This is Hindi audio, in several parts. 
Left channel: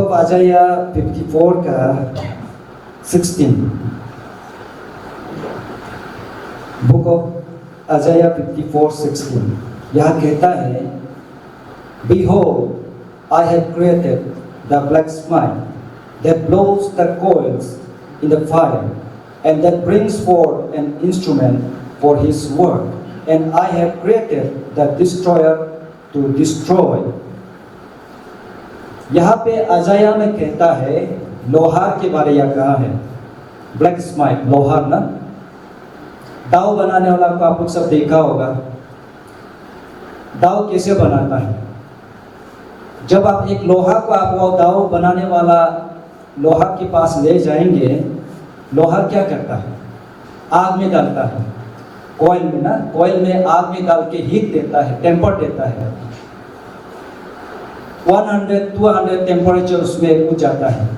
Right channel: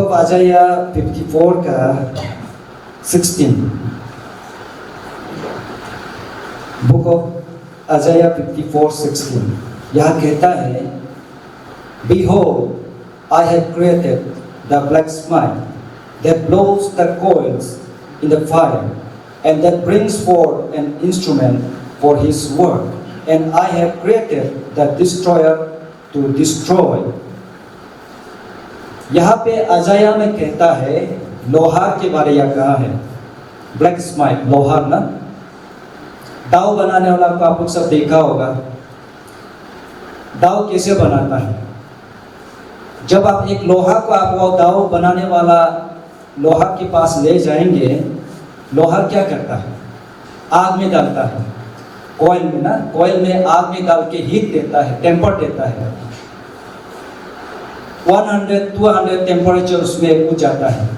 ऑफ आजाया 54 का 16, बुक ऑफ आजाया 54:16 यहाँ कहता है, Behold, I have created the blacksmith that blows the coals in the fire, and that brings forth an instrument for his work, and I have created the destroyer to destroy. यहाँ पे अजाया में कहता है, लोहार के बारे में कहा है, ब्लैक स्माइट, लोहार ना, दाव बनाने वाला को आप लोग सब देखा होगा। दाव कैसे बनाता है? जब आप एक लोहा को आप वो दाव बनाने वाला लोहार के पास ले जाएंगे, लोहार क्या करता है? आग में डालता है, कॉइल में ना, कॉइल में आग में डाल के हीट देता है, टेम्पर देता है। 100-200 टेम्परेचर उसमें उठ जाता है,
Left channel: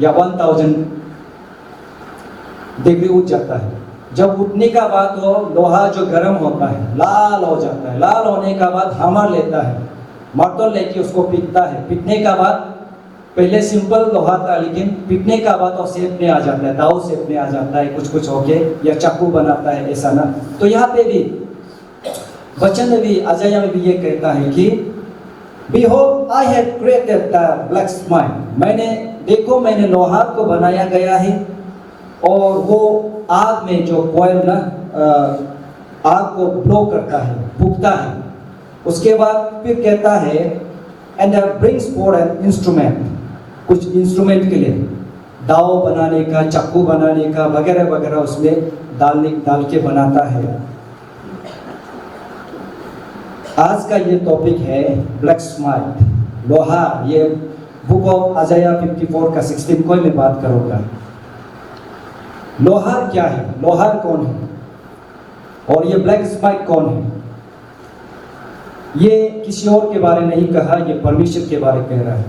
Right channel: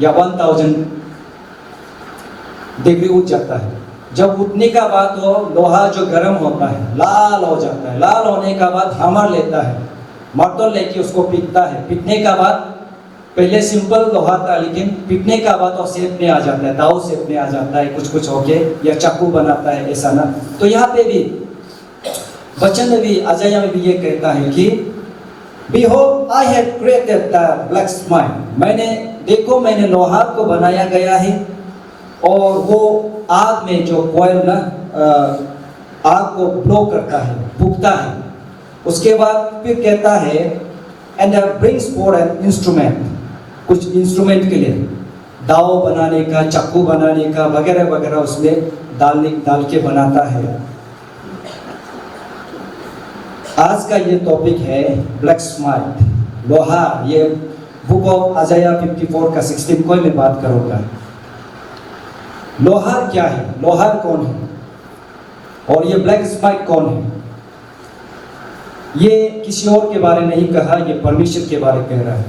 या 1000 डिग्री उठ जाता है। जब उठने का बाद वो लोहा जो गर्म होता है, लाल हो जाता है। लाल होने का बाद हैमर लेता है, मर्तल लेके उसको पीटता है। पीटने का बाद पहले सिंपल लोहा था, लेकिन पीटने का बाद वो शेप में आ जाता है, दाव शेप में आ जाता है, कुछ कुछ होके, या चाकू बनाता है, ऐसा ना। तो यहाँ पे भी वचन में भी, अजाया में भी ये कहता है कि Behold, I have created the blacksmith. देखो मैंने लोहार को बनाया गया है, और वो आग में जो कॉइल ना, आग को ब्लो करता है, फूकता है। उसके बाद फिर कहता है, and that brings forth an instrument, कुछ इंस्ट्रूमेंट के लिए, दाव बनाने का, चाकू बनाने का, वगैरह वगैरह उसमें डाल के बनाता है। आज का ये टॉपिक है ब्लैक स्माइट, लोहार। ये बुक ऑफ आजाया 54 का 16 को मैं बात करूँगा। लोहार क्या है? लोहार कौन है? और ये ब्लैक स्माइट कौन है? ये किसी और के बारे नहीं कहा, ये परमेश्वर के बारे कह रहा है।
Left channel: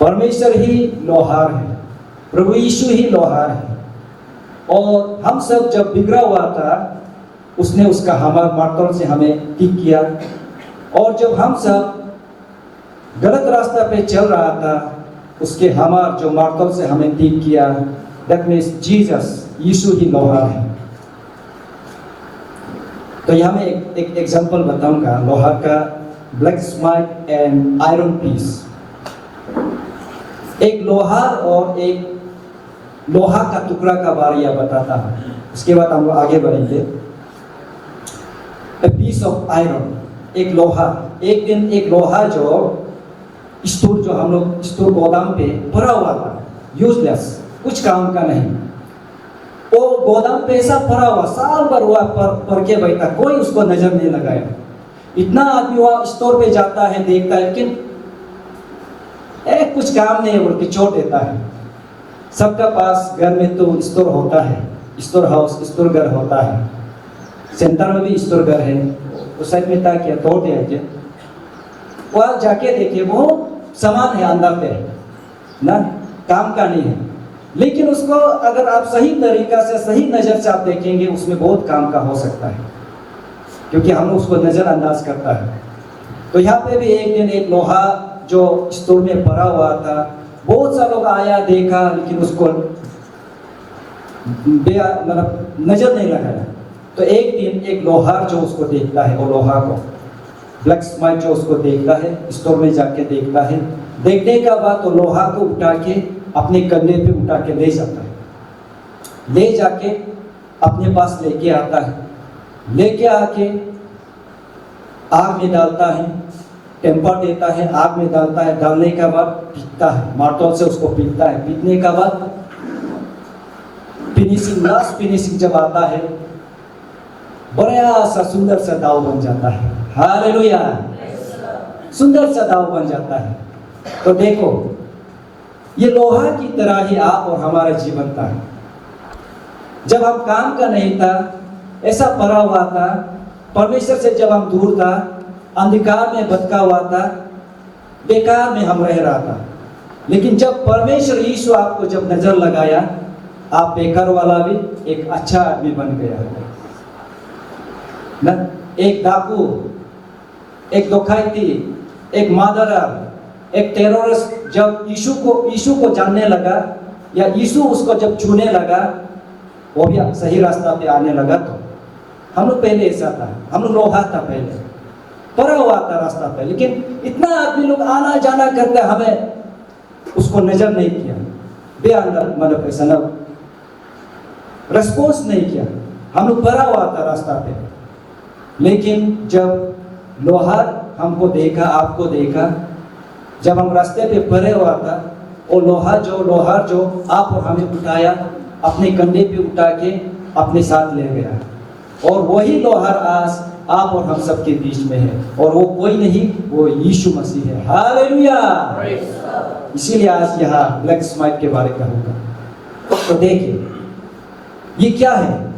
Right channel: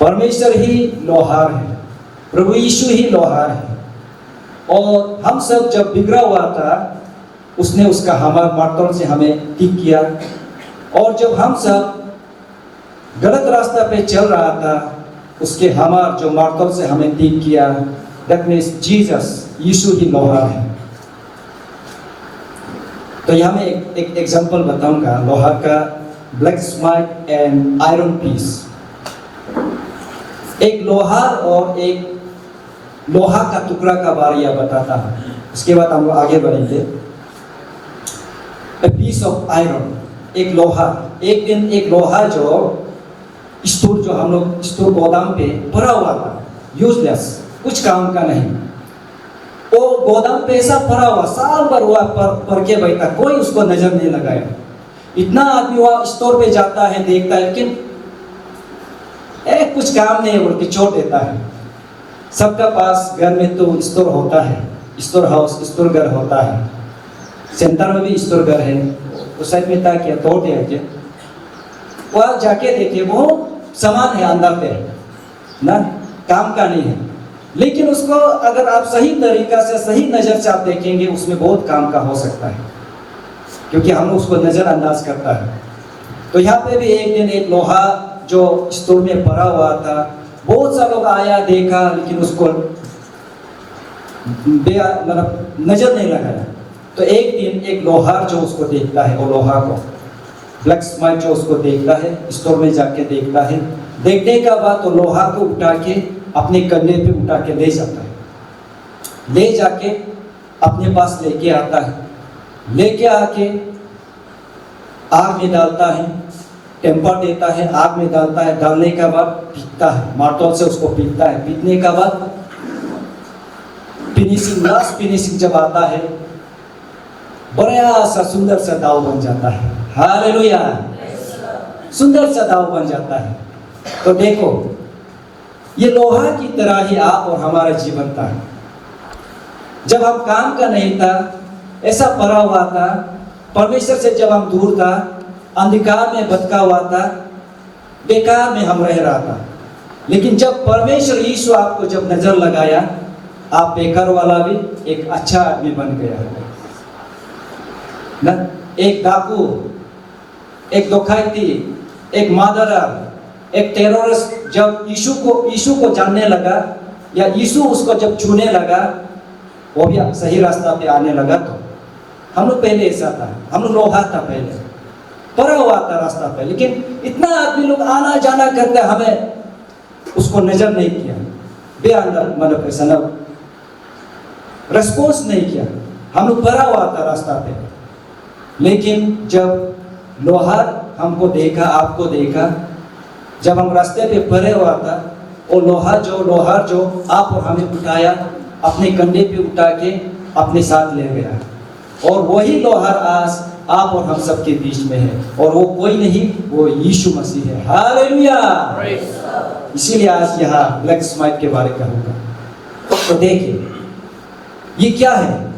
परमेश्वर ही लोहार है, प्रभु यीशु ही लोहार है। और हम सब जब बिगड़ा हुआ था, उसने उसका हमारे मर्तल से हमें ठीक किया। और जब हम सब गलत रास्ता पे चल रहा था, उसके हमार जो मर्तल से हमें ठीक किया। दैट मीन्स जीसस, यीशु ही लोहार है। तो यहाँ मैं एक एग्जांपल बताऊंगा लोहार का, blacksmith and iron piece. एक लोहार और एक लोहा का टुकड़ा का बारे में बताता हूँ, उसके बाद हम लोग आगे बढ़ेंगे। A piece of iron, एक लोहा। एक दिन एक लोहा जो स्टोर, जो हम लोग स्टोर गोदाम पे भरा हुआ था, यूजलेस, कुछ काम का नहीं, वो गोदाम पे ऐसा भरा हुआ, साल भर हुआ पर के बैठा, कोई उसको नजर नहीं लगाया। इतना आदमी वहाँ स्टोर पे जाता है, देखता है, लेकिन कुछ काम नहीं है बोल के छोड़ देता है। सबका पास घर में तो स्टोर होता है, स्टोर हाउस, स्टोर घर होता है। सेंटर में भी स्टोर घर है, उस साइड में था क्या, तोड़ दिया क्या, वहाँ जाके देखे, वो सामान है अंदर पे ना, काम का नहीं है। लेकिन उसको अगर आप सही तरीका से, सही नज़र से आप देखेंगे, उसमें बहुत काम का हो सकता है, क्योंकि हम उसको नज़रअंदाज करता है। तो यहाँ पे भी एक दिन एक लोहा जो स्टोर में भरा हुआ था, बहुत सा लोग आया, देखा, लेकिन उसको मतलब नजर नहीं लगाया। तो एक दिन एक लोहार जो उसको देखता है, वो लोहा को, ब्लैक स्माइट जो उसको देखता है, स्टोर में जाके देखता है। देखने का बाद तो लोहा को उठा के अपने कंधे पे उठा के ले जाता है, ले जाके अपने पास लेके आता है। लेके आके आग में डालता है, टेम्पर देता है, आग में डालता है। डालने के बाद पीटता है, मार्तल से उसको पीटता है। पीटने के बाद फिनिशिंग, लास्ट फिनिशिंग जब आता है, बड़ा सा सुंदर सा दाव बन जाता है। हालेलुया, सुंदर सा दाव बन जाता है। तो देखो, ये लोहा की तरह ही आप और हमारा जीवन था। जब हम काम का नहीं था, ऐसा पड़ा हुआ था, परमेश्वर से जब हम दूर था, अंधकार में भटका हुआ था, बेकार में हम रह रहा था। लेकिन जब परमेश्वर यीशु आपको जब नजर लगाया, आप बेकार वाला भी एक अच्छा आदमी बन गया ना। एक डाकू, एक डकैती, एक मादरा, एक टेररिस्ट जब यीशु को जानने लगा या यीशु उसको जब छूने लगा, वो भी सही रास्ता पे आने लगा। तो हम लोग पहले ऐसा था, हम लोग लोहा था पहले, पड़ा हुआ था रास्ता पे, लेकिन इतना आदमी लोग आना जाना करते, हमें उसको नजर नहीं किया, मतलब ऐसा ना रिस्पॉन्स नहीं किया, हम लोग पड़ा हुआ था रास्ता पे। लेकिन जब लोहार हमको देखा, आपको देखा, जब हम रास्ते पे पड़े हुआ था, वो लोहार जो आप और हमें उठाया, अपने कंधे पे उठा के अपने साथ ले गया। और वही लोहार आज आप और हम सबके बीच में है, और वो कोई नहीं, वो यीशु मसीह है। हालेलुया। इसीलिए आज यहाँ ब्लैक स्माइट के बारे में कहूँगा। तो देखिए ये क्या है।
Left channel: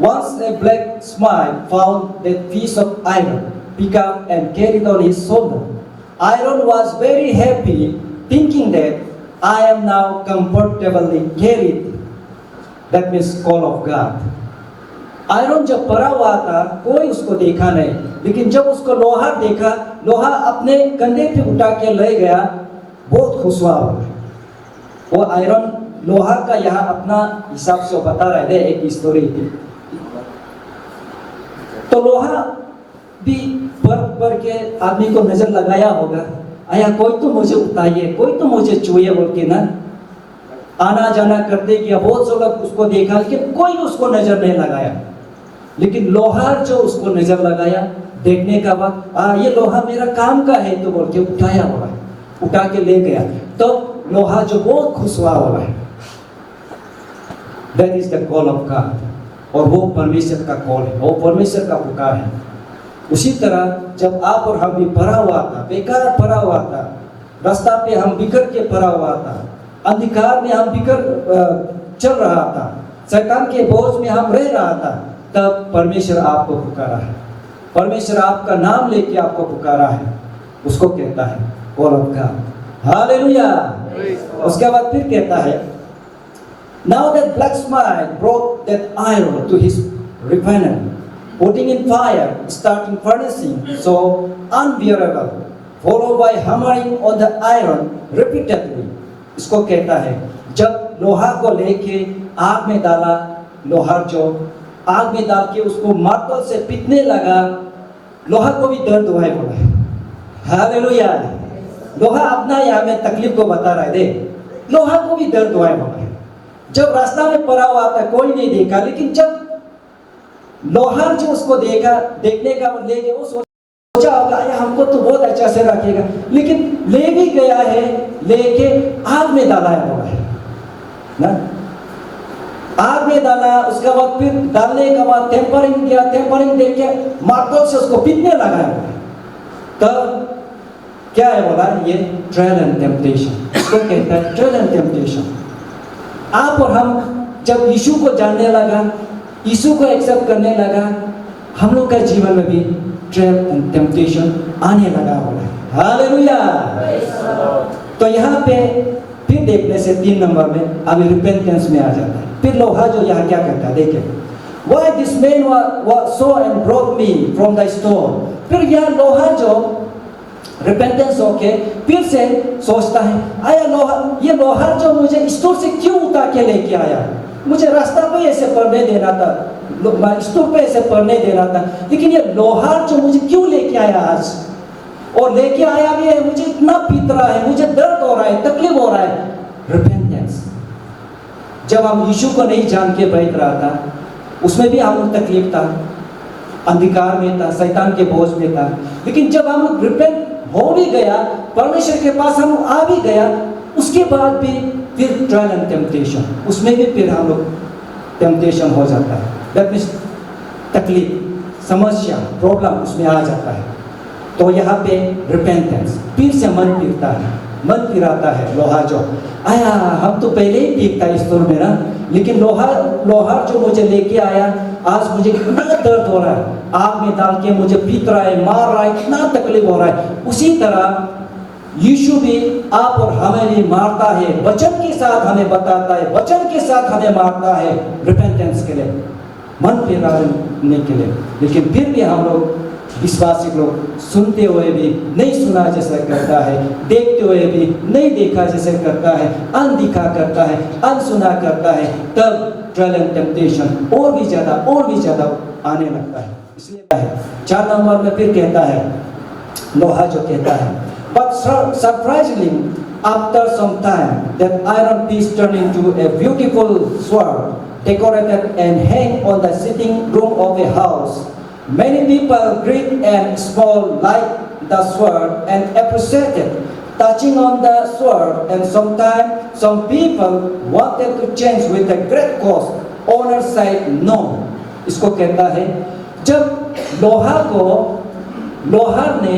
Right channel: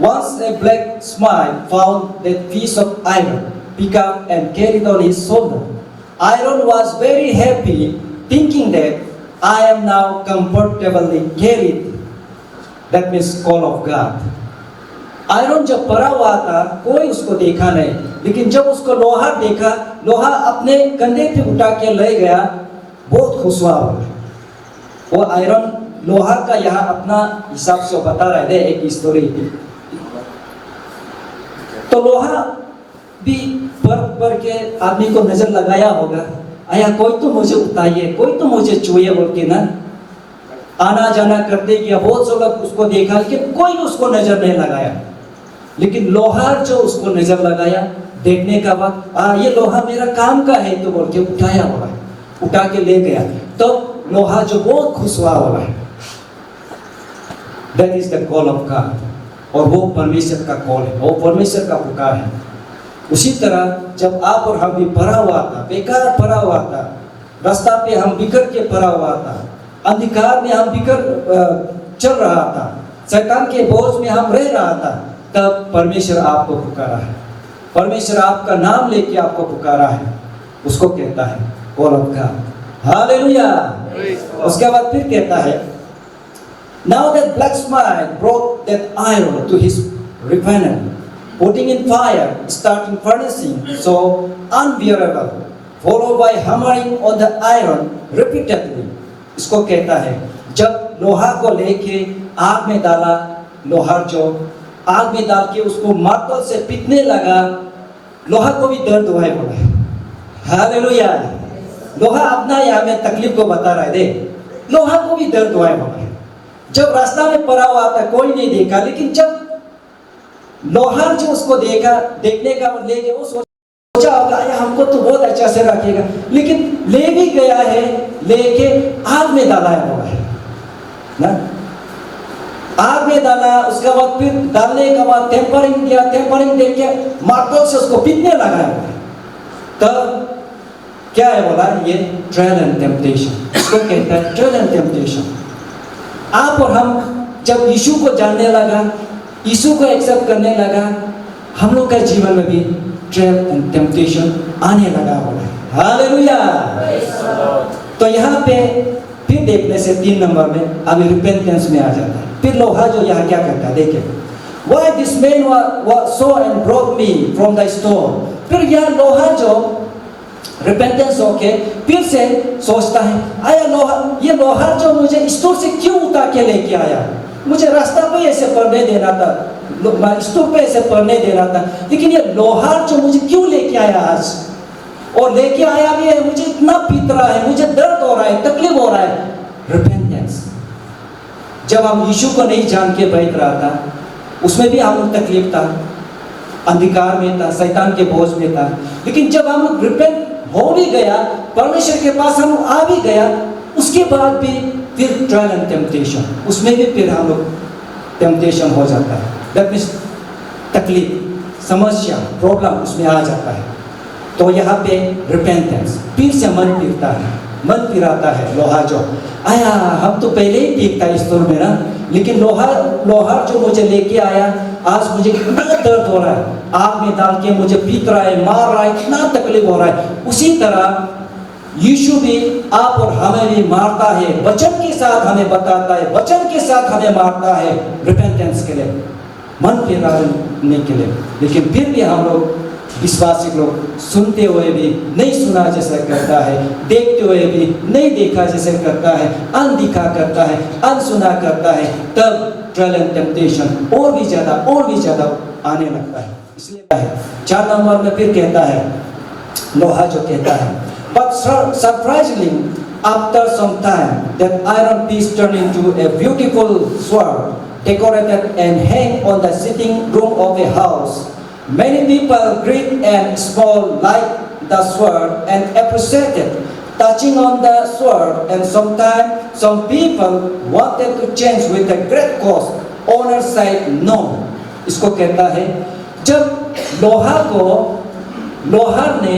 Once a blacksmith found that piece of iron, picked up and carried on his shoulder. Aaron was very happy, thinking that I am now comfortably carried. That means call of God. Iron जब पड़ा हुआ था, कोई उसको देखा नहीं, लेकिन जब उसको लोहा देखा, लोहा अपने कंधे पे उठा के ले गया, बहुत खुश हुआ। वो आयरन लोहा का यहाँ अपना हिसाब से बता रहे थे एक स्टोरी। तो लोहा भी पर के आदमी को नजर लगाया होगा, आया कोई तो मुझे उठाइए, कोई तो मुझे छुए बोल के ना आना जाना करते गया। बहुत से लोग उसको देखा, लेकिन कोई उसको नजर नहीं लगाया। लेकिन लोहार जो उसको नजर लगाया, देखने का बाद ये लोहा मेरा काम का है तो बोल के उठाया होगा, उठा के ले गया। तो लोहा जो बहुत खुश हुआ होगा। That is the call of God. और वो परमेश्वर का कॉल है, वो परमेश्वर का पुकार है। उसी तरह जब आप और हम भी पड़ा हुआ था, बेकार पड़ा हुआ था, रास्ता पे हम बिखर के पड़ा हुआ था, अंधकार में हम बिखर चल रहा था, शैतान के बोझ में हम रह रहा था, तब परमेश्वर आपको पुकारा है। परमेश्वर आपका नाम लेके आपको पुकारा है, उसको कहता है कॉल ऑफ गॉड। हालेलुया। उसके बाद फिर कहता है, Now that blacksmith brought that iron to his refiner, putting in fire, starting furnishing, so unbearable, followed by hammering on the iron repeatedly. इसको कहता है, जब लोहा को लेके आग में डाला, लोहार जो आग में डाल के उसको मार्तल से पीटने लगा, लोहा को भी दर्द हुआ है। हालेलुया। लोहा अपना यहाँ में तकलीफ को बता रहा है, लोहा को भी दर्द हुआ है। जब रास्ता में पड़ा हुआ था, कोई नहीं देखा, लेकिन जब लोहार जो उसको देखा, देखने का लेके वो सोचा होगा हमको तो बहुत अच्छा से रखेगा, लेकिन ले भी गया है, लेके आग में डाला है ना, आग में डाला। उसके बाद फिर डालने के बाद टेम्परिंग किया, टेम्परिंग देख के मार्तल से उसको पीटने लगा है। तब क्या है बोला, ये ट्रायल एंड टेम्पटेशन, इसको कहता है ट्रायल एंड टेम्पटेशन। आप और हम जब यीशु को जानने लगा, यीशु को एक्सेप्ट करने लगा, हम लोग का जीवन में भी ट्रायल एंड टेम्पटेशन आने लगा बोला। हालेलुया। तो यहाँ पे फिर देखने से 3 नंबर में अभी रिपेंटेंस में आ जाता है। फिर लोहा जो यहाँ क्या करता है, देखिए, Why this man was so and brought me from the stone। फिर यह लोहा जो रिपेंटेंस होके फिर से सोचता है, आया लोहा, ये लोहा जो मुझे स्टोर से क्यों उतार के लेके आया, मुझे रास्ता पे ऐसे पढ़ने देना था, स्टोर पे ऐसे पढ़ने देना था, लेकिन ये लोहा जो मुझे क्यों लेके आया आज, और लेके आया भी है, मुझे इतना पीट रहा है, मुझे दर्द हो रहा है, तकलीफ हो रहा है। रिपेंटेंस। जब हम यीशु को नहीं जान के बैठ रहा था, उसमें भी हम तकलीफ था, अंधकार में था, शैतान के बोझ में था, लेकिन जब हम रिपेंट हो भी गया, परमेश्वर के पास हम आ भी गया, उसके बाद भी फिर ट्रायल एंड टेम्पटेशन, उसमें भी फिर हम लोग टेम्पटेशन हो जाता है। दैट मीन्स तकलीफ, समस्या, प्रॉब्लम उसमें आ जाता है। तो यहाँ पे रिपेंटेंस, फिर से मन फिरता है, मन फिराता है। लोहा जो आया, हम तो पहले ही ठीक था इस दौर में ना, लेकिन लोहा जो मुझे लेके आया, आज मुझे कितना दर्द हो रहा है, आग में डाल के मुझे पीट रहा है, मार रहा है, कितना तकलीफ हो रहा है। उसी तरह यीशु भी आप और हमें भी मारता है, वचन के साथ हमें बताता है, वचन के साथ हमें मारता है रिपेंटेंस के लिए, मन फिराने के लिए। लेकिन फिर भी हम लोग विश्वासी लोग सुनते हुए भी नहीं सुना जैसा करता है, देखते हुए भी नहीं देखा जैसे करता है, अनदिखा करता है, अनसुना करता है, तब ट्रायल एंड टेम्पटेशन और भी ज़्यादा आने लगता है। इसलिए 4 नंबर में फिर कहता है, लोहा जो कहता है, but surprisingly after some time that iron piece turned into a beautiful sword decorated and hang on the sitting room of a house. Many people great and small liked the sword and appreciated touching on the sword, and sometimes some people wanted to change with a great cost. Owner said no. इसको कहता है, जब लोहार ने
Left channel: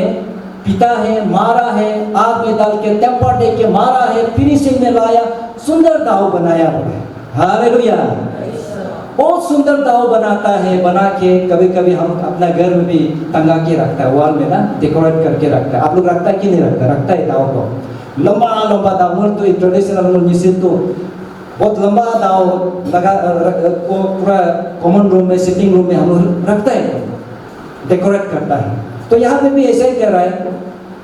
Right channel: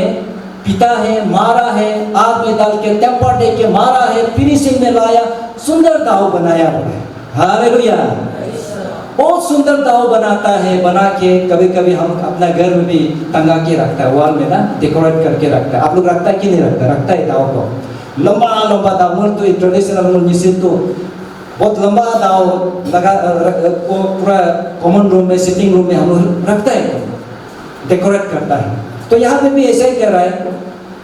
पिता है, मारा है, आग में डाल के टेम्पर दे के मारा है, फिनिशिंग में लाया, सुंदर दाव बनाया हुआ है। हालेलुया। बहुत सुंदर दाव बनाता है, बना के कभी कभी हम अपना घर में भी टंगा के रखता है, वॉल में ना डेकोरेट करके रखता है। आप लोग रखता है कि नहीं रखता? रखता है दाव को, लंबा दाव। तो ट्रेडिशनल मिसिन तो बहुत लंबा दाव लगा को पूरा कॉमन रूम में, सिटिंग रूम में हम लोग रखता है, डेकोरेट करता है। तो यहाँ पे भी ऐसा ही कह रहा है,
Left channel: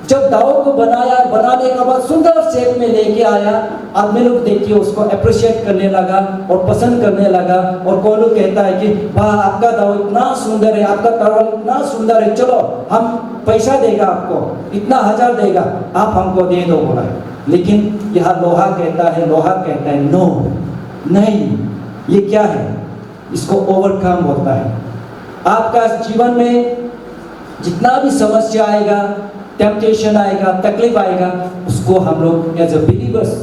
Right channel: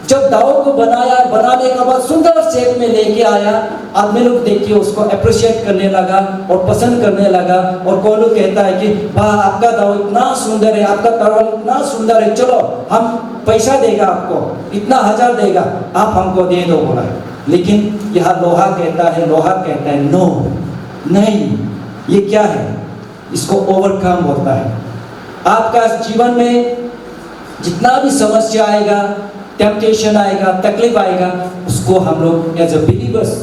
जब दाव को बनाने के बाद सुंदर शेप में लेके आया, आदमी लोग देखिए उसको अप्रिशिएट करने लगा और पसंद करने लगा। और कोई लोग कहता है कि वाह, आपका दाव इतना सुंदर है, आपका तलवार इतना सुंदर है, चलो हम पैसा देगा आपको, इतना 1000 देगा, आप हमको दे दो बोला है। लेकिन यह लोहा कहता है नो, नहीं, ये क्या है? इसको ओवरकम होता है। आपका जीवन में जितना भी समस्या आएगा, टेम्पटेशन आएगा, तकलीफ आएगा, उसको हम लोग as a believers,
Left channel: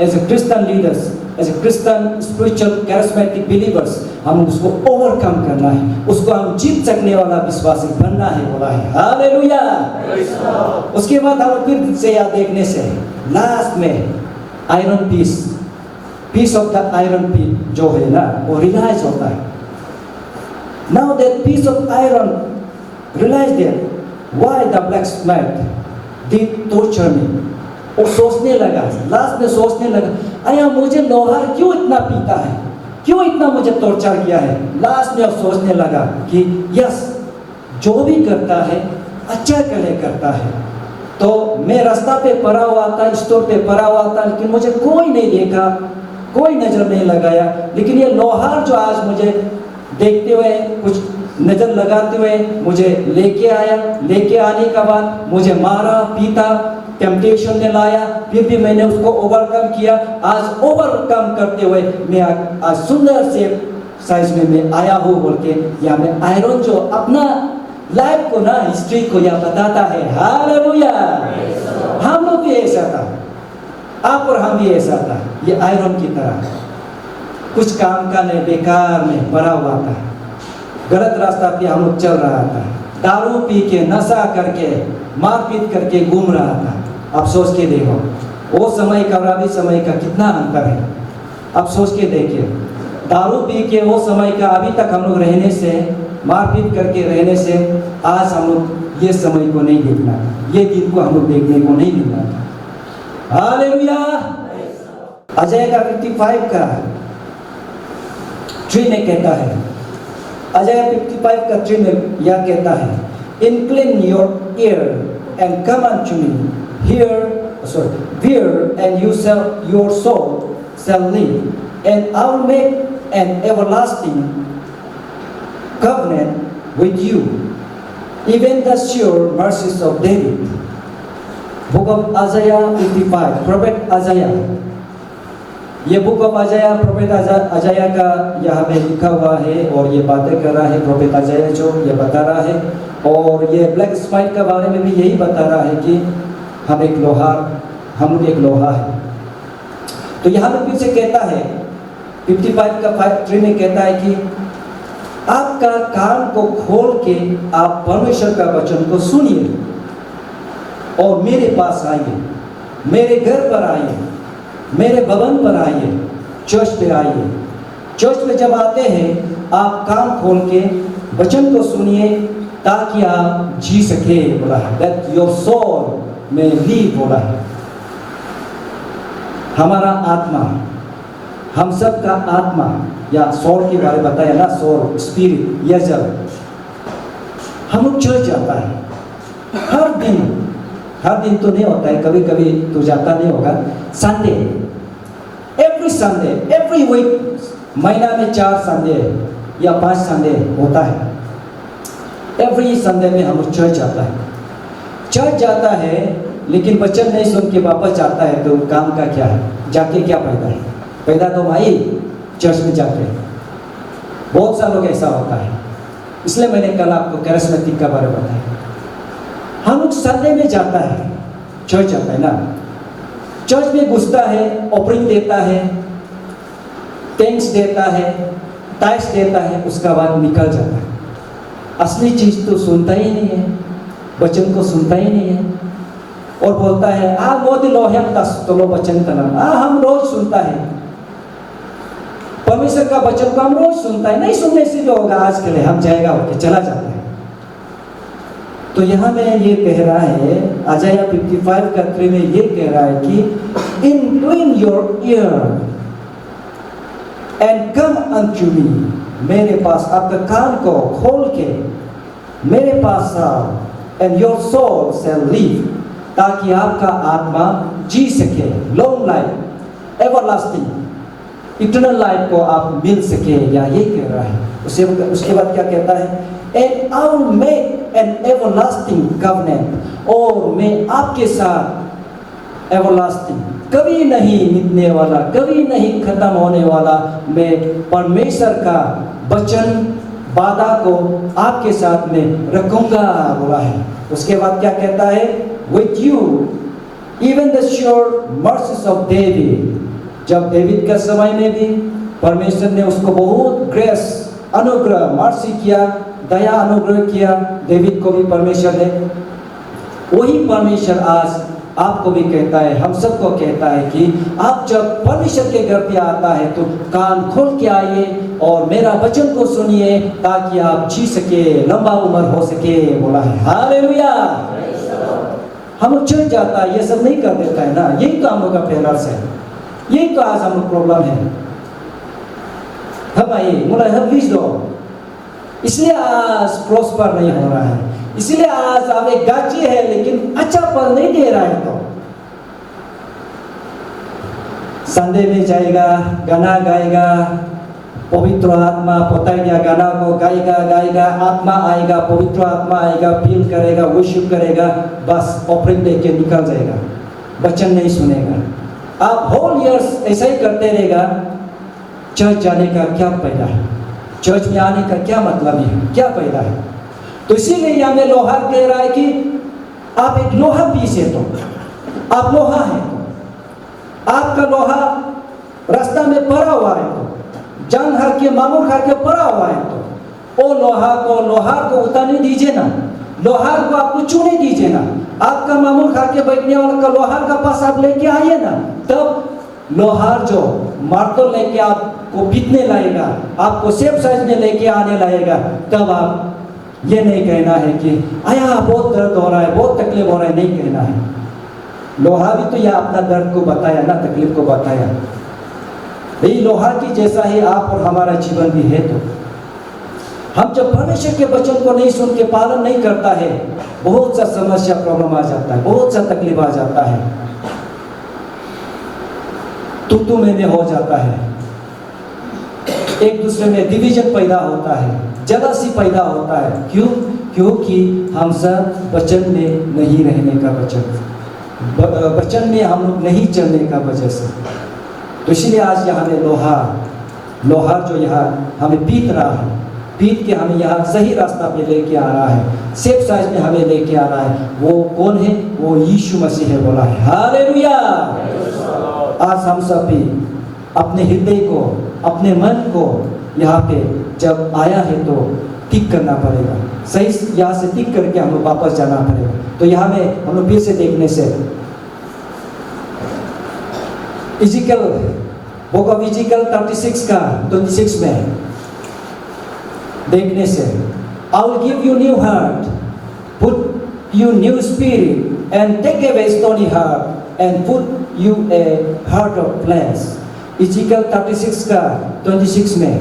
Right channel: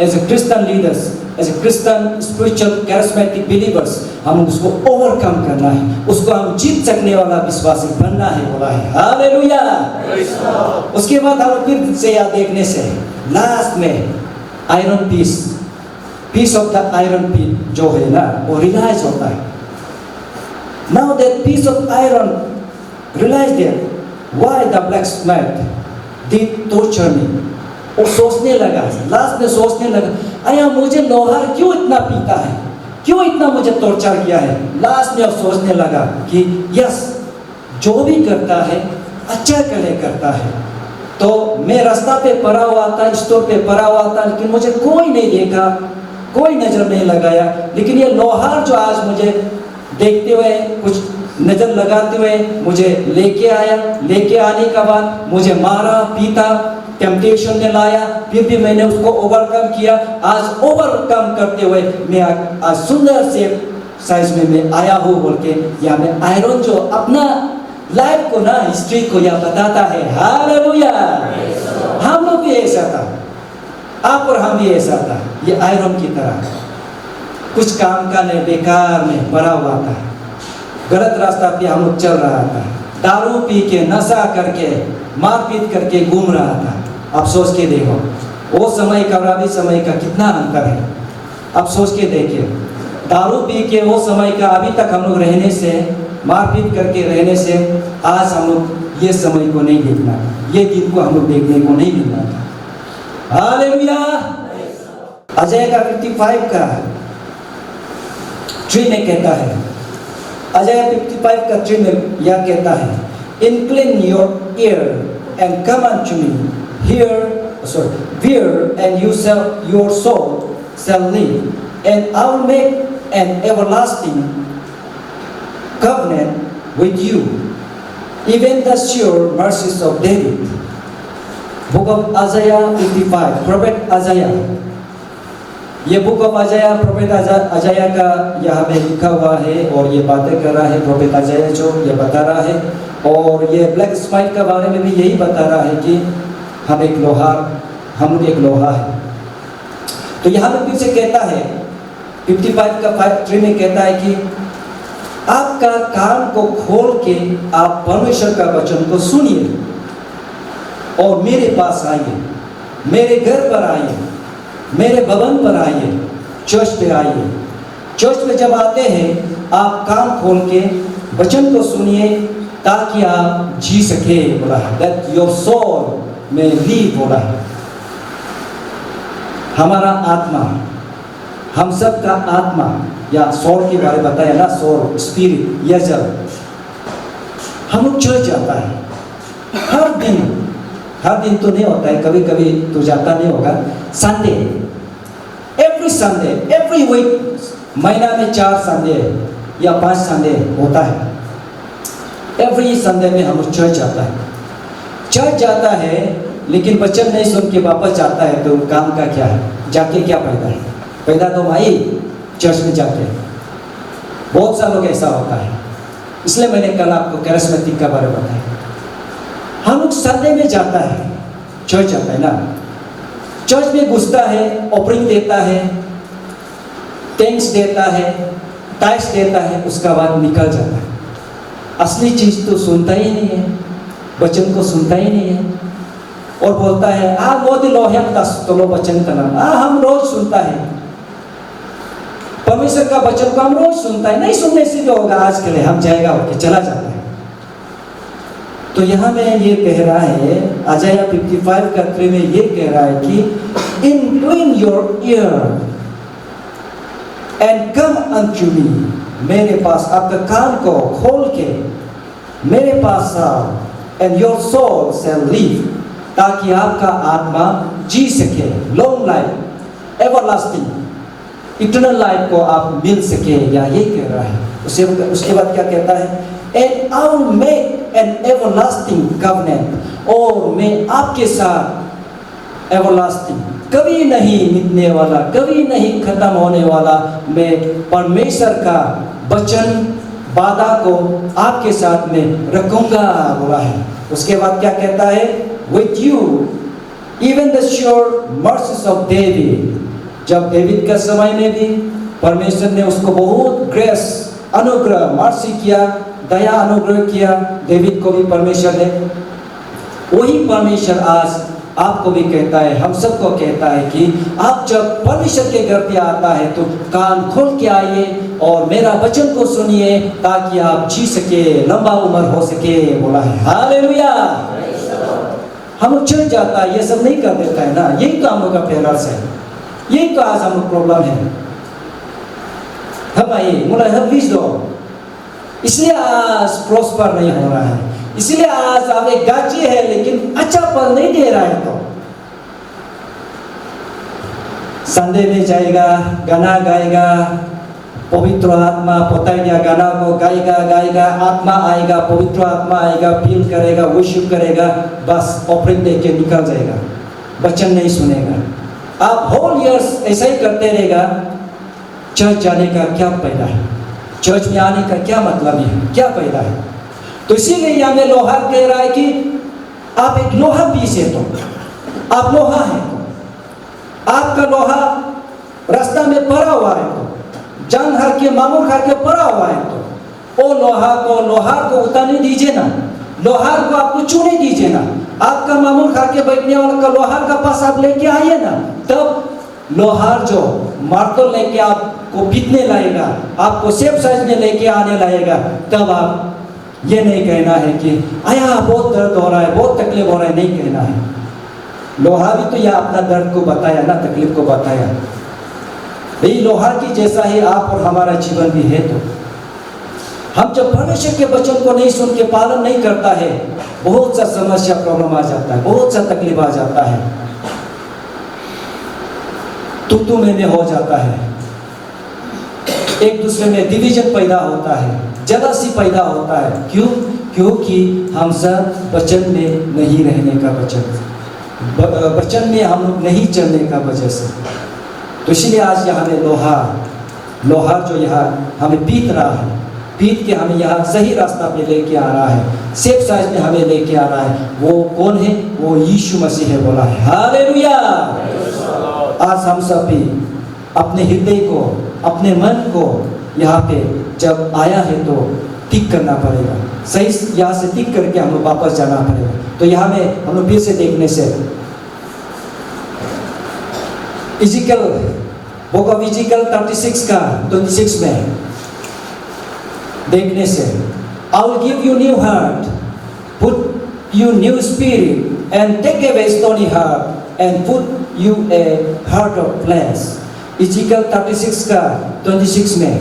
as a Christian leaders, as a Christian spiritual charismatic believers, हम उसको ओवरकम करना है, उसको हम जीत सकने वाला विश्वासी बनना है, बोला है। हालेलुया। उसके बाद हम फिर से याद देखने से लास्ट में iron piece of the iron piece जो है ना, वो रियलाइज होता है। Now that piece of iron realized that why the blacksmith did torture me. वो सोचने लगा, लास्ट में सोचने लगा, अरे मुझे लोहार क्यों इतना पीता है, क्यों इतना मुझे टॉर्चर किया है। लास्ट में अब सोचने लगा कि यस, जो भी करता है अच्छा के लिए करता है। तो मैं रास्ता पे पड़ा हुआ था, स्टोर पे पड़ा हुआ था, लेकिन मुझे कोई नहीं देखा, कोई नजर नहीं लगाया। लेकिन ये लोहार जो आज मुझे देखते हुए, कुछ नजर लगाते हुए मुझे लेके आया, लेके आने के बाद मुझे मारा, पीता, टेम्पटेशन में लाया, फिर भी मैंने उसको ओवरकम किया। आज ओवरकम करते हुए मैं आज सुंदर से साइज में मैं आया हूँ बोल के यहाँ में आयरन जो अपना लाइफ को ना, हिस्ट्री को यह बताता है। हालेलुया। हम लोग भी ऐसा था, आप और हम भी ऐसा था। ये आयरन की तरह कुछ काम का नहीं, बेकार में पड़ा हुआ था, गलत रास्ता पे हम लोग चल रहा था, दारू पी के, नशा करके, मारपीट करके घूम रहा था। अब सोच के देखो, वो समय का और अभी समय का कितना अंतर है। अब सोच के देखिए, दारू पी के वो समय का अभी तक हम लोग रहने से, मारपीट करके रहने से, आज हम लोग ये समय को नहीं देखना, ये दिन को हम लोग देखने को नहीं मिलना था। हालेलुया। अजय का 55 का 3 में कहता है, अजय 55 का 3 में यह कहता है, incline your ear and come unto me, hear and your soul shall live, and I will make an everlasting covenant with you, even the sure mercies of David. Book of Isaiah 55, Prophet Isaiah। ये बुक ऑफ अजाया, प्रोफेट अजाया का यहाँ पे लिखा हुआ है और ये बातें कर रहा है प्रोफेट अजाया, जो ये बता रहा है। और ये ब्लैक स्माइट के बारे में भी यही बता रहा है कि हम एक लोहा है। तो यहाँ पे फिर से कहता है 55 का 3 में कहता है कि आपका कान को खोल के आप परमेश्वर का वचन को सुनिए और मेरे पास आइए, मेरे घर पर आइए, मेरे भवन पर आइए, चर्च पे आइए। चर्च में जब आते हैं, आप कान खोल के वचन को सुनिए ताकि आप जी सके, बोला है। That your soul may live, बोला है। हमारा आत्मा, हम सब का आत्मा या सोल के बारे में बताया ना, सोल, स्पिरिट, यजल, हम लोग चर्च जाता है हर दिन तो नहीं होता है, कभी कभी तो जाता नहीं होगा। Sunday, every Sunday, every week, महीना में 4 संडे या 5 संडे होता है। एवरी संडे में हम लोग चर्च जाता है, लेकिन वचन नहीं सुन के वापस जाता है तो काम का क्या है? जाके क्या फायदा है? फायदा तो भाई चर्च में जाके, बहुत सा लोग ऐसा होता है। इसलिए मैंने कल आपको कैरिस्मेटिक का बारे में बताया। हम लोग संडे में जाता है, चर्च जाता है ना, चर्च में घुसता है, ऑफरिंग देता है, थैंक्स देता है, टाइप्स देता है, उसका बाद निकल जाता है। असली चीज तो सुनता ही नहीं है, वचन को सुनता ही नहीं है, और बोलता है आ मोदी लोहन तो वचन का हम रोज सुनता है, परमेश्वर का वचन को हम रोज सुनता है, नहीं सुनने से जो होगा आज के लिए हम जाएगा होके चला जाता है। तो यहाँ में ये कह रहा है, अजाया 55 का 3 में ये कह रहा है कि incline your ear and come unto me, मेरे पास आपका कान को खोल के मेरे पास आओ, and your soul shall live, ताकि आपका आत्मा जी सके, long life, everlasting, eternal life को आप मिल सके, या ये कह रहा है। उसके बाद क्या कहता है? And I will make an everlasting covenant, और मैं आपके साथ everlasting, कभी नहीं मिटने वाला, कभी नहीं खत्म होने वाला, मैं परमेश्वर का वचन वादा को आपके साथ में रखूंगा बोला है। उसके बाद क्या कहता है? With you even the sure mercies of David, जब डेविड का समय में भी परमेश्वर ने उसको बहुत ग्रेस, अनुग्रह, मर्सी किया, दया अनुग्रह किया, डेविड को भी परमेश्वर ने, वही परमेश्वर आज आपको भी कहता है, हम सबको कहता है कि आप जब परमेश्वर के घर पे आता है तो कान खोल के आइए और मेरा वचन को सुनिए, ताकि आप जी सके, लंबा उम्र हो सके बोला है। हालेलुया। हम लोग चल जाता है, ये सब नहीं कर देता है ना, यही तो हम लोग का फेलर्स है, यही तो आज हम लोग प्रॉब्लम है। हम आइए मुला हम बीज दो, इसलिए आज प्रोस्पर नहीं हो रहा है, इसलिए आज आप एक गाची है लेकिन अच्छा फल नहीं दे रहा है। तो संडे में जाएगा, गाना गाएगा, पवित्र आत्मा पोताइया गाना को गाएगा, आत्मा आएगा, पवित्र आत्मा आएगा, फील करेगा, वर्शिप करेगा, बस ऑफरिंग दे के निकल जाएगा, वचन नहीं सुनेगा। आप होल ईयर्स ऐसा ही करते रहेगा, चर्च जाने का क्या फायदा है? चर्च में आने का क्या मतलब है? क्या फायदा है? तो इसीलिए यहाँ में लोहा कह रहा है कि आप एक लोहा पीस है, तो आप लोहा है, तो आपका लोहा रास्ता में पड़ा हुआ है, तो जंग हर के मामूल खा के पड़ा हुआ है, तो वो लोहार को उतारने दीजिए ना, लोहार को आपको छूने दीजिए ना, आपका मामूल खा के बैठने वाला का लोहार का पास आप लेके आइए ना, तब लोहार जो मार्तल लेके आपको पीटने लाएगा, आपको सेफ साइज में लेके आने लाएगा, तब आप ये नहीं कहना है कि आया बहुत दर्द हो रहा है, बहुत तकलीफ हो रहा है, नहीं कहना है। लोहा भी तो यह अपना दर्द को बताया ना, तकलीफ को बताया। यही लोहा की जैसा ही आप और हमारा जीवन भी है। तो हम जब परमेश्वर के वचन को नहीं सुन के पालन नहीं करता है, बहुत सा समस्या प्रॉब्लम आ जाता है, बहुत सा तकलीफ आ जाता है, तू में हो जाता है, एक दूसरे में डिवीजन पैदा होता है, जलसी पैदा होता है। क्यों? क्योंकि हम सब वचन में नहीं रहने का वचन में हम लोग नहीं चलने का वजह से। तो इसलिए आज यहाँ में लोहार जो यहाँ हमें पीट रहा है, पीट के हमें यहाँ सही रास्ता पे लेके आ रहा है, सेफ साइज में हमें लेके आ रहा है। वो कौन है? वो यीशु मसीह है बोला है। हालेलुया। आज हम सब भी अपने हृदय को, अपने मन को यहाँ पे जब आया है तो ठीक करना पड़ेगा, सही यहाँ से ठीक करके हम लोग वापस जाना पड़ेगा। तो यहाँ में हम लोग फिर से देखने से इजिकल बुक ऑफ इजिकल 36 का 26 में देखने से, I will give you new heart, put you new spirit, and take away stony heart, and put you a heart of flesh। Is equal 36 का 26 में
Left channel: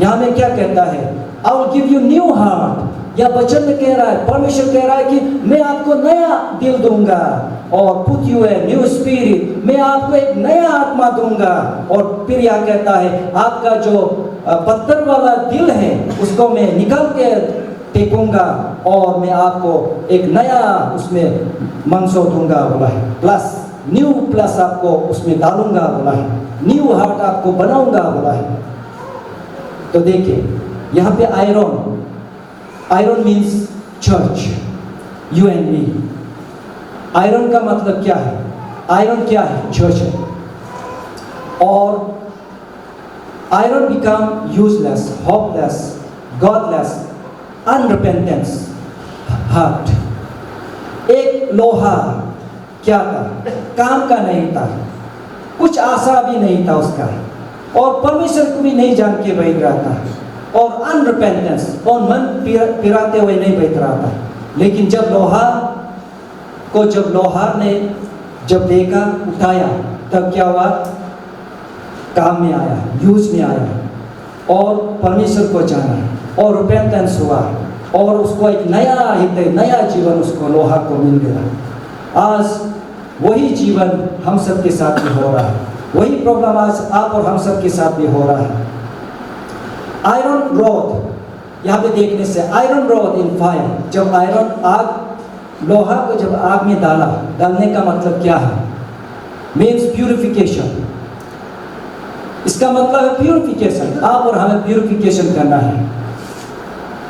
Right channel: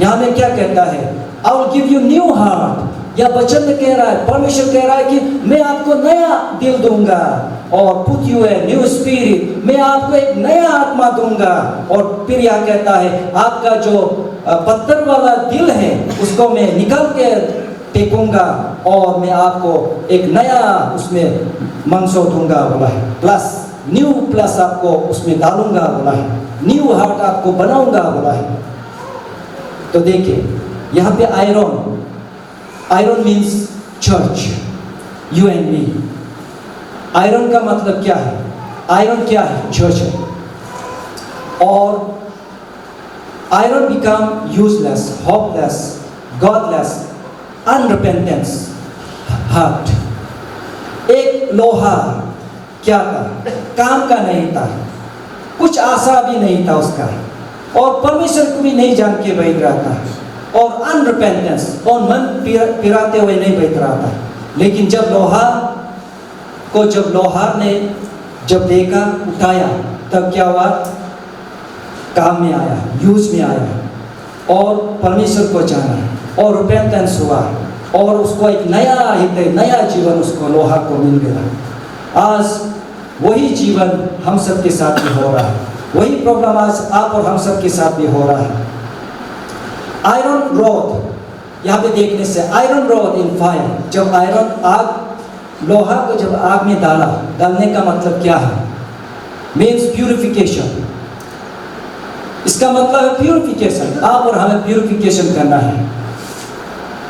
यहाँ में क्या कहता है? I will give you new heart, या वचन में कह रहा है, परमेश्वर कह रहा है कि मैं आपको नया दिल दूंगा और put U a new spirit, मैं आपको एक नया आत्मा दूंगा। और फिर यह कहता है आपका जो पत्थर वाला दिल है उसको मैं निकाल के फेंकूंगा और मैं आपको एक नया उसमें मंसो दूंगा बोला है, प्लस न्यू प्लस आपको उसमें डालूंगा बोला है, न्यू हार्ट आपको बनाऊंगा बोला है। तो देखिए यहाँ पे iron means church, you and me. Iron का मतलब क्या है? आयरन क्या है? चर्च है। और iron become useless, hopeless, godless, unrepentance heart. एक लोहा क्या था? काम का नहीं था, कुछ आशा भी नहीं था उसका, और परमेश्वर को भी नहीं जान के बैठ रहा था, और अनरिपेंटेंस, और मन पिराते हुए नहीं बैठ रहा था। लेकिन जब लोहार ने जब देखा, उठाया, तब क्या हुआ? काम में आया, यूज में आया और परमेश्वर को जाना और रिपेंटेंस हुआ और उसको एक नया हृदय, नया जीवन उसको लोहा को मिल गया। आज वही जीवन हम सब के साथ भी हो रहा है, वही प्रॉब्लम आज आप और हम सब के साथ भी हो रहा है। आयरन रॉड यहाँ पे देखने से, आयरन रॉड इन फायर, जब आयरन आग, लोहा को जब आग में डालने का मतलब क्या है? Means purification. इसका मतलब है प्यूरिफिकेशन। आप और हमें प्यूरिफिकेशन करना है।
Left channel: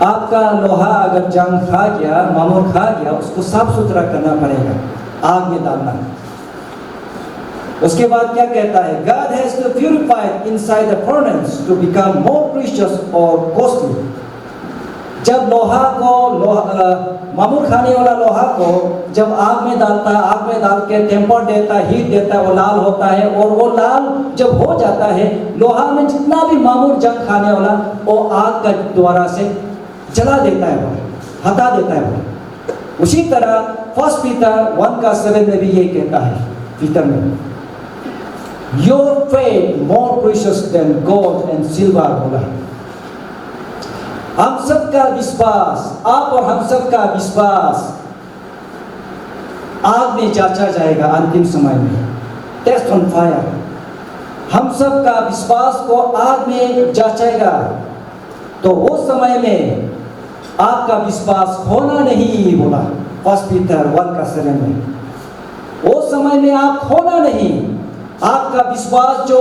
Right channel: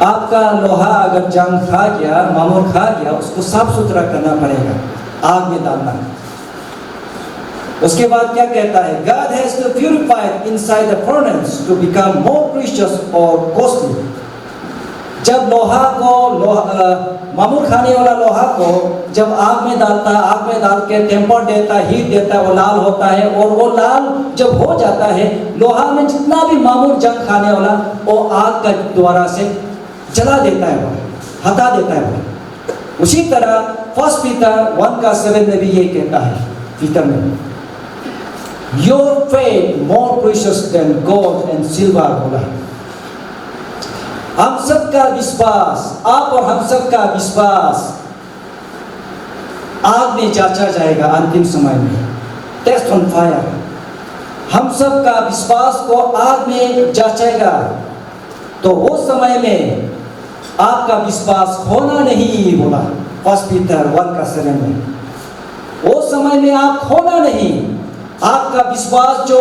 आपका लोहा अगर जंग खा गया, मामूर खा गया, उसको साफ सुथरा करना पड़ेगा, आग में डालना। उसके बाद क्या कहता है? God has to purify inside the furnace to become more precious or costly। जब मामूर खाने वाला लोहा को जब आग में डालता है, आग में डाल के टेम्पर देता है, हीट देता है, वो लाल होता है, और वो लाल जब हो जाता है, लोहा में जितना भी मामूर जंग खाने वाला वो आग का द्वारा से जला देता है, वो हटा देता है वो। उसी तरह 1 पीटर 1:7 में भी ये कहता है, पीटर में, Your faith more precious than gold and silver बोला है। हम सबका विश्वास, आप और हम सबका विश्वास आग में जांचा जाएगा अंतिम समय में, टेस्ट ऑन फायर। हम सबका विश्वास को आग में जांचेगा, तो वो समय में आपका विश्वास खोना नहीं बोला 1 पीटर 1:7 में। वो समय में आप खोना नहीं, आपका विश्वास जो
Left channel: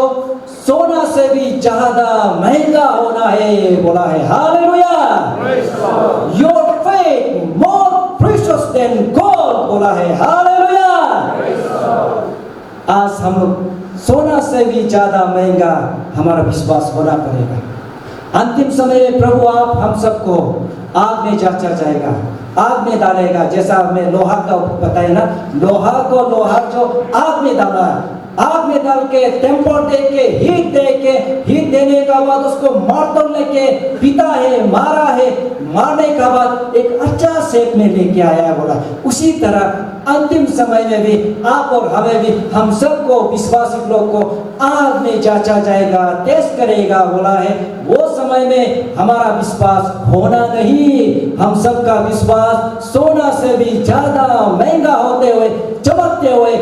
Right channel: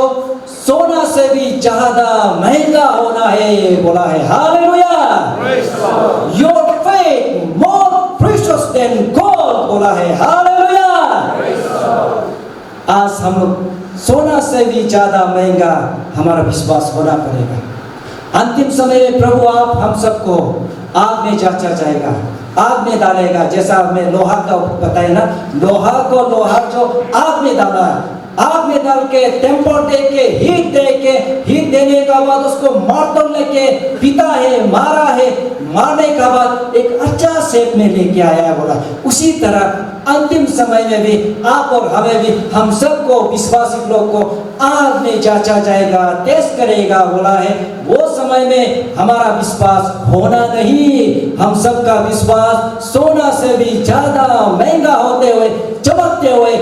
सोना से भी ज्यादा महंगा होना है बोला है। Hallelujah. Your faith more precious than gold बोला है। हालेलुया। आज हम सोना से भी ज्यादा महंगा हमारा विश्वास होना पड़ेगा। अंतिम समय में प्रभु आप हम सबको आग में जांचा जाएगा, आग में डालेगा। जैसा हमें लोहा का बताया ना, लोहा जो आग में डाला, आग में डाल के टेम्पर दे के हीट देने का बाद उसको मार्तल लेके पीता है, मारा है, मारने का बाद एक अच्छा शेप में लेके आया है बोला। उसी तरह अंतिम समय में भी आप और हमें भी, हम सबको विश्वासी लोग को आग में जांचा जाएगा, टेस्ट करेगा बोला है। वो समय में हमारा विश्वास होना नहीं, हम सबका विश्वास सोना से भी ज्यादा महंगा होते हुए, चमकते हुए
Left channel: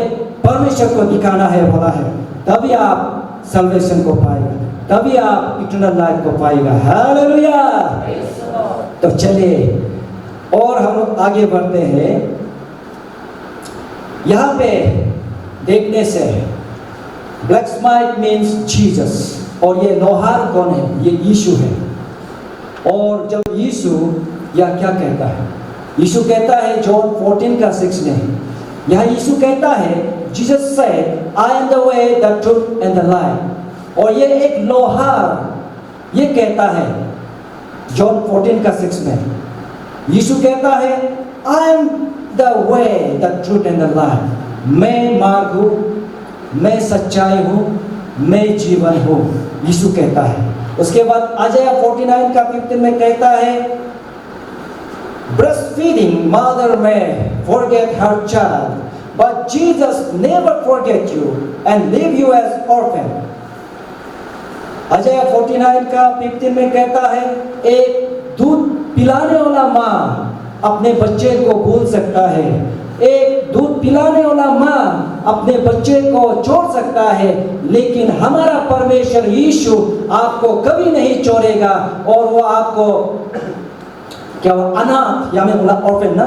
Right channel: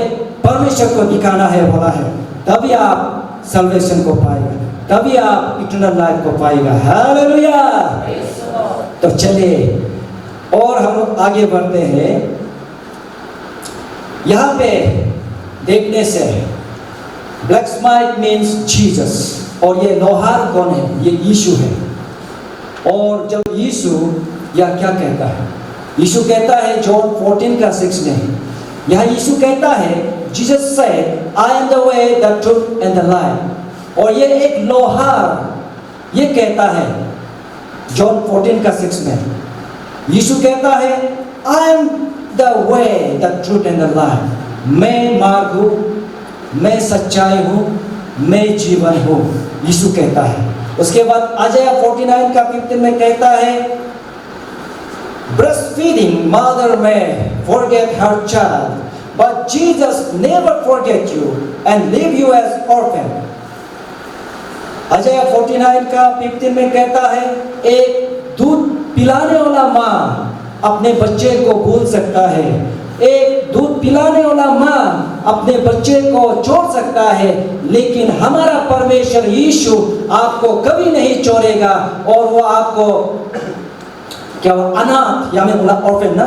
परमेश्वर को दिखाना है बोला है। तभी आप सल्वेशन को पाएगा, तभी आप इटर्नल लाइफ को पाएगा। हालेलुया। तो चलिए और हम आगे बढ़ते हैं। यहाँ पे देखने से ब्लैक स्माइट मीन्स जीसस, और ये लोहार कौन है? ये यीशु है। और जब यीशु या क्या कहता है? यीशु कहता है जॉन 14:6 में, यहाँ यीशु कहता है, Jesus said, I am the way, the truth and the life। और ये एक लोहार ये कहता है जॉन 14:6 में, यीशु कहता है I am the way, the truth and the life। मैं मार्ग हूँ, मैं सच्चाई हूँ, मैं जीवन हूँ, यीशु कहता है। उसके बाद आयशा 49:15 में कहता है, breastfeeding mother may forget her child, but Jesus never forget you and leave you as orphan। Ayesha 49:15 में कहता है, एक दूध पिलाने वाला माँ अपने बच्चे को भूल सकता है, एक दूध पिलाने वाला माँ अपने बच्चे को छोड़ सकता है, लेकिन हमारा परमेश्वर यीशु आपको कभी नहीं छोड़ेगा और वो आपको क्या अनाथ, या मैं बोला ऑर्फन ना,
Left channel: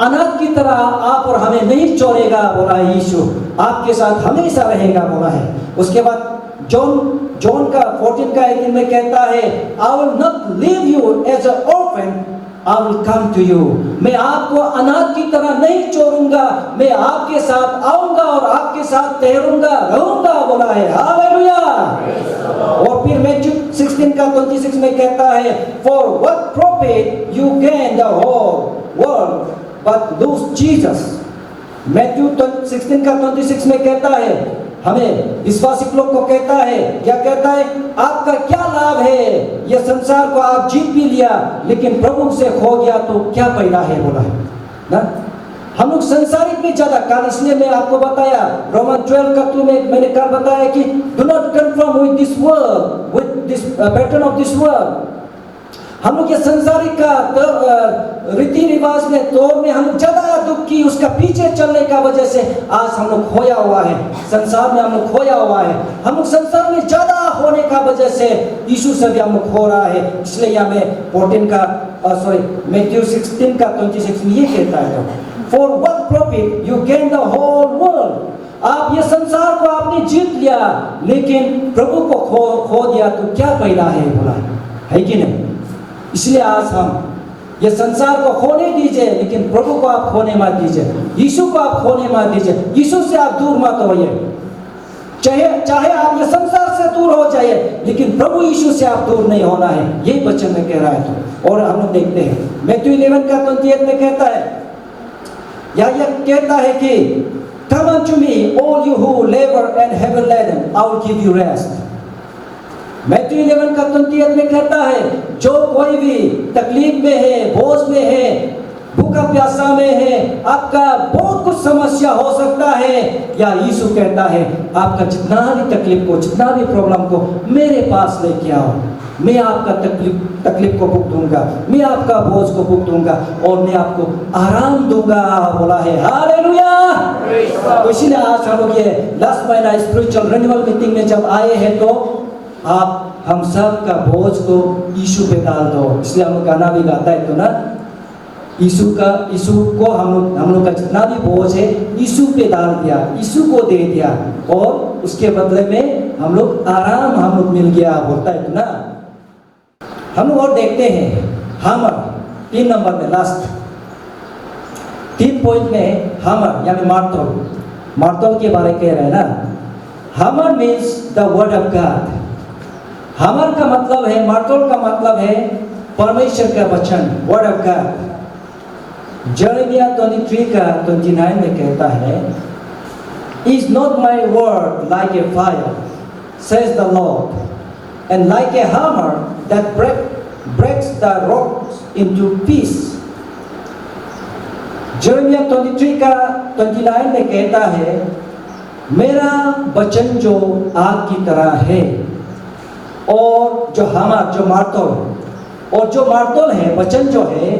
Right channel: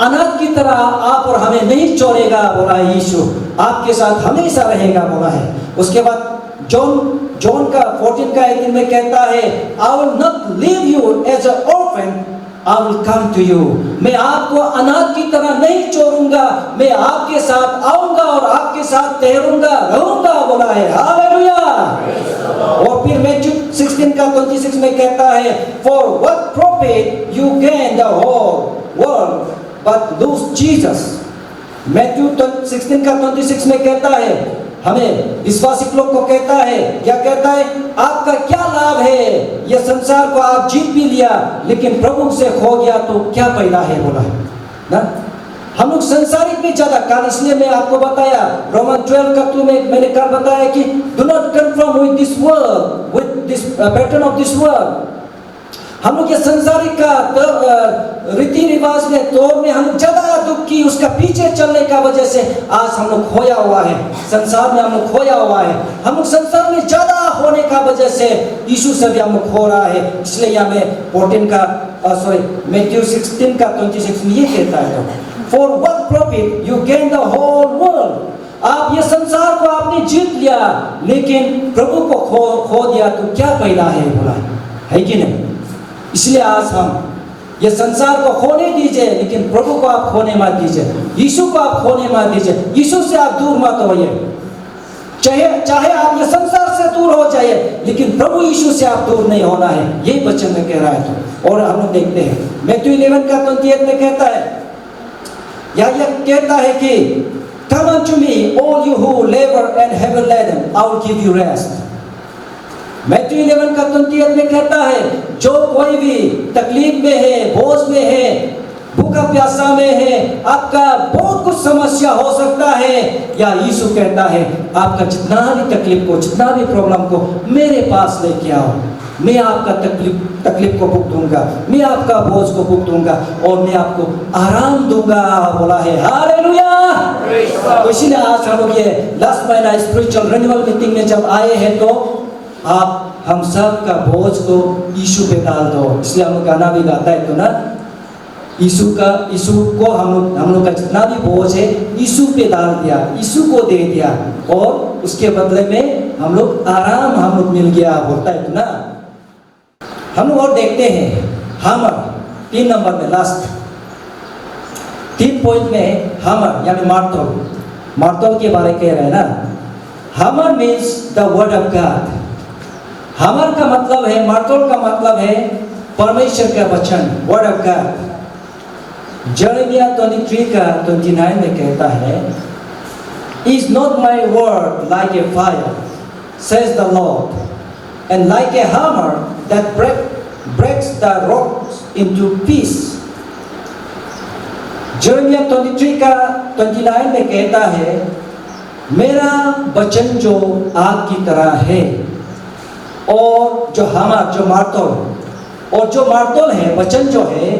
अनाथ की तरह आप और हमें नहीं छोड़ेगा बोला है यीशु, आपके साथ हमेशा रहेगा बोला है। उसके बाद जॉन का 14 का 18 में कहता है, I will not leave you as an orphan, I will come to you। मैं आपको अनाथ की तरह नहीं छोड़ूंगा, मैं आपके साथ आऊंगा और आपके साथ ठहरूंगा, रहूंगा बोला है। हालेलुया। और फिर मैथ्यू 16 का 26 में कहता है, For what profit you gain the whole world but lose Jesus। Matthew 16 का 26 में कहता है, हमें विश्वासी लोग को कहता है, क्या कहता है, आपका क्या लाभ है, यह संसार को आप जीत भी लिया लेकिन प्रभु से खो गया तो क्या फायदा है बोला है ना। हम लोग संसारिक में ज्यादा काल, इसलिए मैं आपको बताया रोमन 12 का 2 में मैंने कल बताया कि do not confirm with this world, with this pattern of this world. हम लोग ये संसारिक का रीति रिवाज में तौर में हम ज्यादा दुख की उसका पीछे चलने का वजह से आज हम लोग खोया हुआ है, संसार में हम लोग खोया हुआ है। हम लोग संसार में ज्यादा होने का वजह से यीशु से भी हम लोग खो रहा है। इसलिए यहाँ में 14 का मैथ्यू 16 का 26 में ये कहता है, for what profit you gain the whole world. आप ये संसार को आपने जीत लिया लेकिन प्रभु को खो दिया तो क्या फायदा है बोला है कि नहीं। इसलिए आज हम ये संसार को खोने दीजिए लेकिन प्रभु को आप खोने मत दीजिए, यीशु को आप खोने मत दीजिए, यीशु से आप दूर मत होइए। चाहे आप ये संसार से दूर हो जाइए लेकिन प्रभु यीशु से आप दूर नहीं होना है, यही वचन में कह रहा है। तो और हम लोग देखते हैं मैथ्यू 11 का 28 में कहता है, या यह कहता है कि Come unto me all you who labor and heavy laden, I will give you rest। Matthew 11 का 28 में कहता है, जो कोई भी तकलीफ में है, बोझ में है, भूखा प्यासा में है, आपका बहुत कुछ समस्या हो सकता है, या यीशु कहता है आपका जितना भी तकलीफ को, जितना भी प्रॉब्लम को मेरे पास लेके आओ, मैं आपका तकलीफ को भुग दूंगा, मैं आपका बोझ को भुग दूंगा और मैं आपको आराम दूंगा बोला है। हालेलुया। तो इसीलिए आज हम लोग ये लास्ट महीना स्पिरिचुअल रिन्यूअल मीटिंग में जब आए हैं तो आप हम सब का बोझ को यीशु पे डाल दो। इसलिए हम लोग गाना भी गाता है तो ना, यीशु को हम लोग का जितना भी बोझ है यीशु पे डाल दिया, यीशु को दे दिया और उसके बदले में हम लोग आराम हम लोग मिल गया बोलता है तो ना। हम लोग और देखते हैं हमर 3 नंबर में लास्ट 3 पॉइंट में हमर यानी मार्तोल के बारे कह रहे हैं ना। हमर means the word of God. हमर का मतलब है, मार्तोल का मतलब है परमेश्वर का वचन, वर्ड ऑफ गॉड। जर्मिया 23 का 29 में कहता है, Is not my word like a fire, says the Lord, and like a hammer that breaks the rocks into pieces। जर्मिया 23 का 29 में कहता है, मेरा वचन जो आग की तरह है और जो हमर जो मार्तोल, और जो मार्तोल है वचन जो है,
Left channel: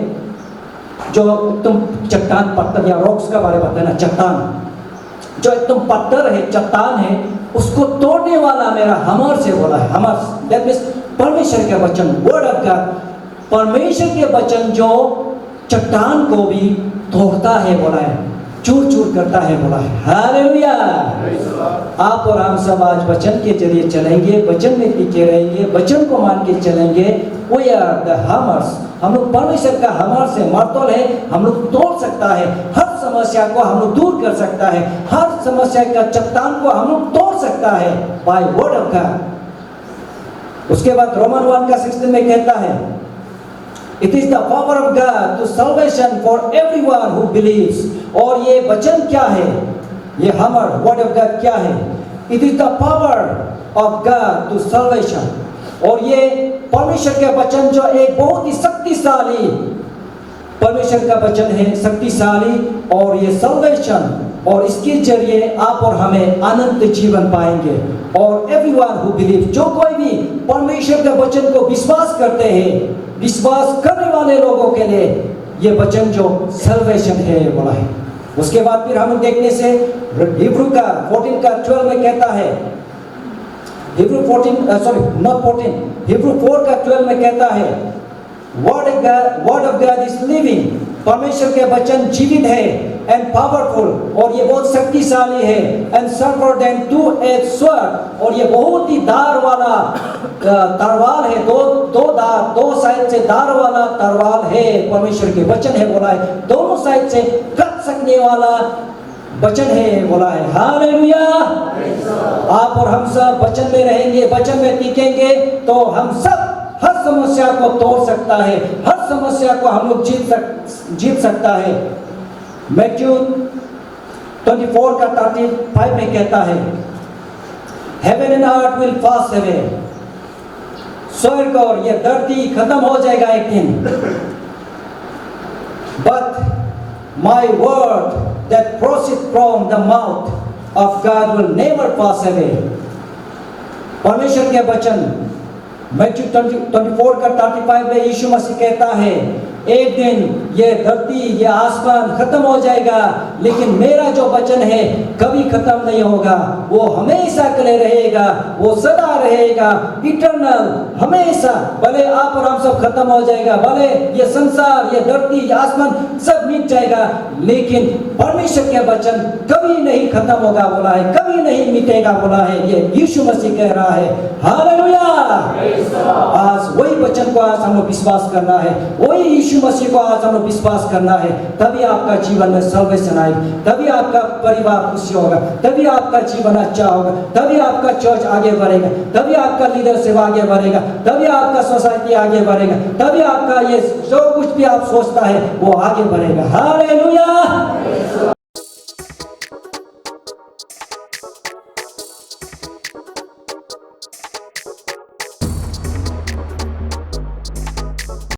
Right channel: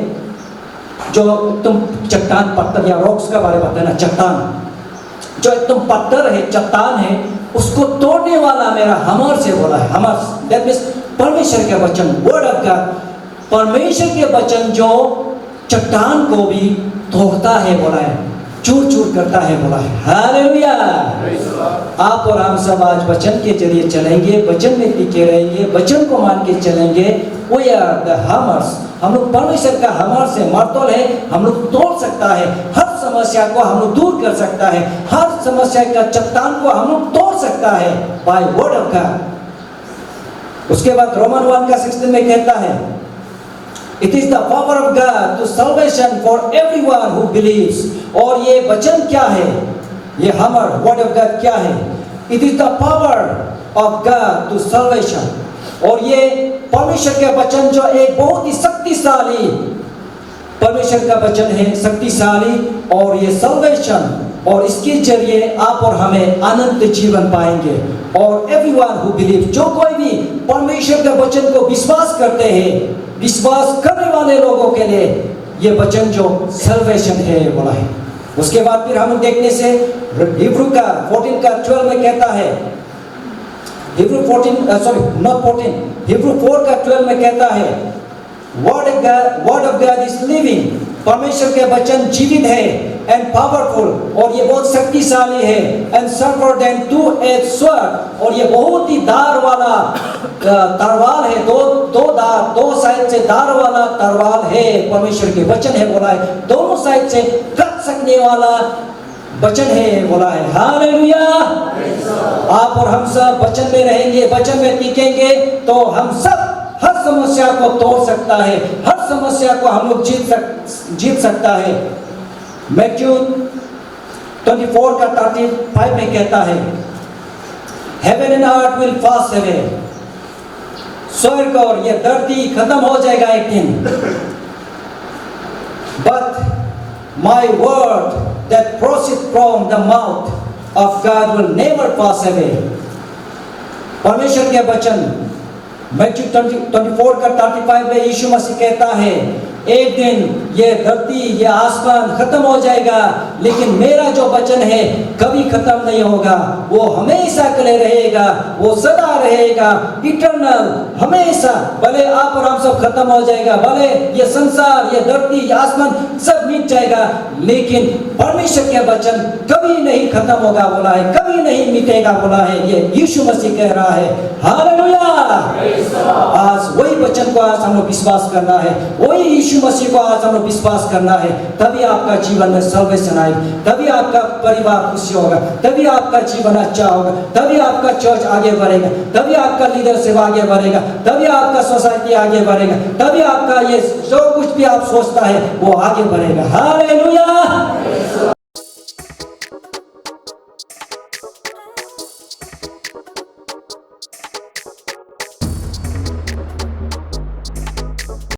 जो तुम चट्टान पत्थर या रॉक्स का बारे में बताना, चट्टान जो एकदम पत्थर है, चट्टान है, उसको तोड़ने वाला मेरा हमर से बोला है। हमर दैट मींस परमेश्वर के वचन, वर्ड ऑफ गॉड। परमेश्वर के वचन जो चट्टान को भी तोड़ता है बोला है, चूर चूर करता है बोला है। हालेलुया। आप और हम सब आज वचन के जरिए चलेंगे, वचन में टिके रहेंगे, वचन को मान के चलेंगे। We are the hammers. हम लोग परमेश्वर का हमर से मार्तोल है, हम लोग तोड़ सकता है, हर समस्या को हम लोग दूर कर सकता है, हर समस्या का चट्टान को हम लोग तोड़ सकता है बाय वर्ड ऑफ गॉड। उसके बाद रोमन 1 का 16 में कहता है, It is the power of God to salvation for everyone who believes। और ये वचन क्या है, ये हमर वर्ड ऑफ गॉड क्या है? It is the power of God to salvation। और ये परमेश्वर का वचन जो एक बहुत ही शक्तिशाली परमेश्वर का वचन है, शक्तिशाली, और ये salvation, और इसके जरिए आप और हमें अनंत जीवन पाएंगे। और everyone who believes, जो कोई भी परमेश्वर के वचन को विश्वास करते हैं विश्वास करने वाले लोगों के लिए ये वचन जो सल्वेशन है बोला है। उसके बाद फिर हम देखने से हिब्रू का 14 का 12 में कहता है, हिब्रू 4 का 12 में कहता है, word of God is living, परमेश्वर के वचन जीवित है, एंड पावरफुल, और ये बहुत शक्तिशाली है, and sharper then to-as sword, और ये बहुत ही धार वाला तलवार है, दो साइड से धार वाला तलवार है, परमेश्वर के वचन है बोला है, दोनों साइड से कट सकने वाला वचन है बोला है। हालेलुया। आप और हम सब वचन में रहेंगे, वचन में टिकेंगे तो हम सब हर समस्या को तोड़ सकता है, हर समस्या को हम लोग जीत सकता है। मैथ्यू 24 का 35 में कहता है, heaven and earth will pass away, स्वर्ग और ये धरती खत्म हो जाएगा एक दिन, but my word that proceed from the mouth of God will never pass away. परमेश्वर के वचन मैथ्यू 24 का 35 में यीशु मसीह कहता है, एक दिन ये धरती ये आसमान खत्म हो जाएगा, लेकिन मेरा जो वचन है कभी खत्म नहीं होगा, वो हमेशा के लिए रहेगा, वो सदा रहेगा, इटर्नल, हमेशा। भले आप और हम सब खत्म हो जाएगा, भले ये संसार ये धरती ये आसमान सब मिट जाएगा, लेकिन परमेश्वर के वचन कभी नहीं खत्म होगा बोला है, कभी नहीं मिटेगा बोला है, ये यीशु मसीह कह रहा है। हालेलुया। आज वही वचन को आज हम लोग विश्वास करना है, वही यीशु मसीह को आज हम लोग विश्वास करना है, तभी आपका जीवन में सल्वेशन आएगी, तभी आपका परिवार खुशी होगा, तभी आपका जीवन अच्छा होगा, तभी आपका चर्च आगे बढ़ेगा, तभी आपका लीडरशिप आगे बढ़ेगा, तभी आपका सोसाइटी आगे बढ़ेगा, तभी आपका ये जो कुछ भी आप सोचता है वो आगे बढ़ेगा। हालेलुया।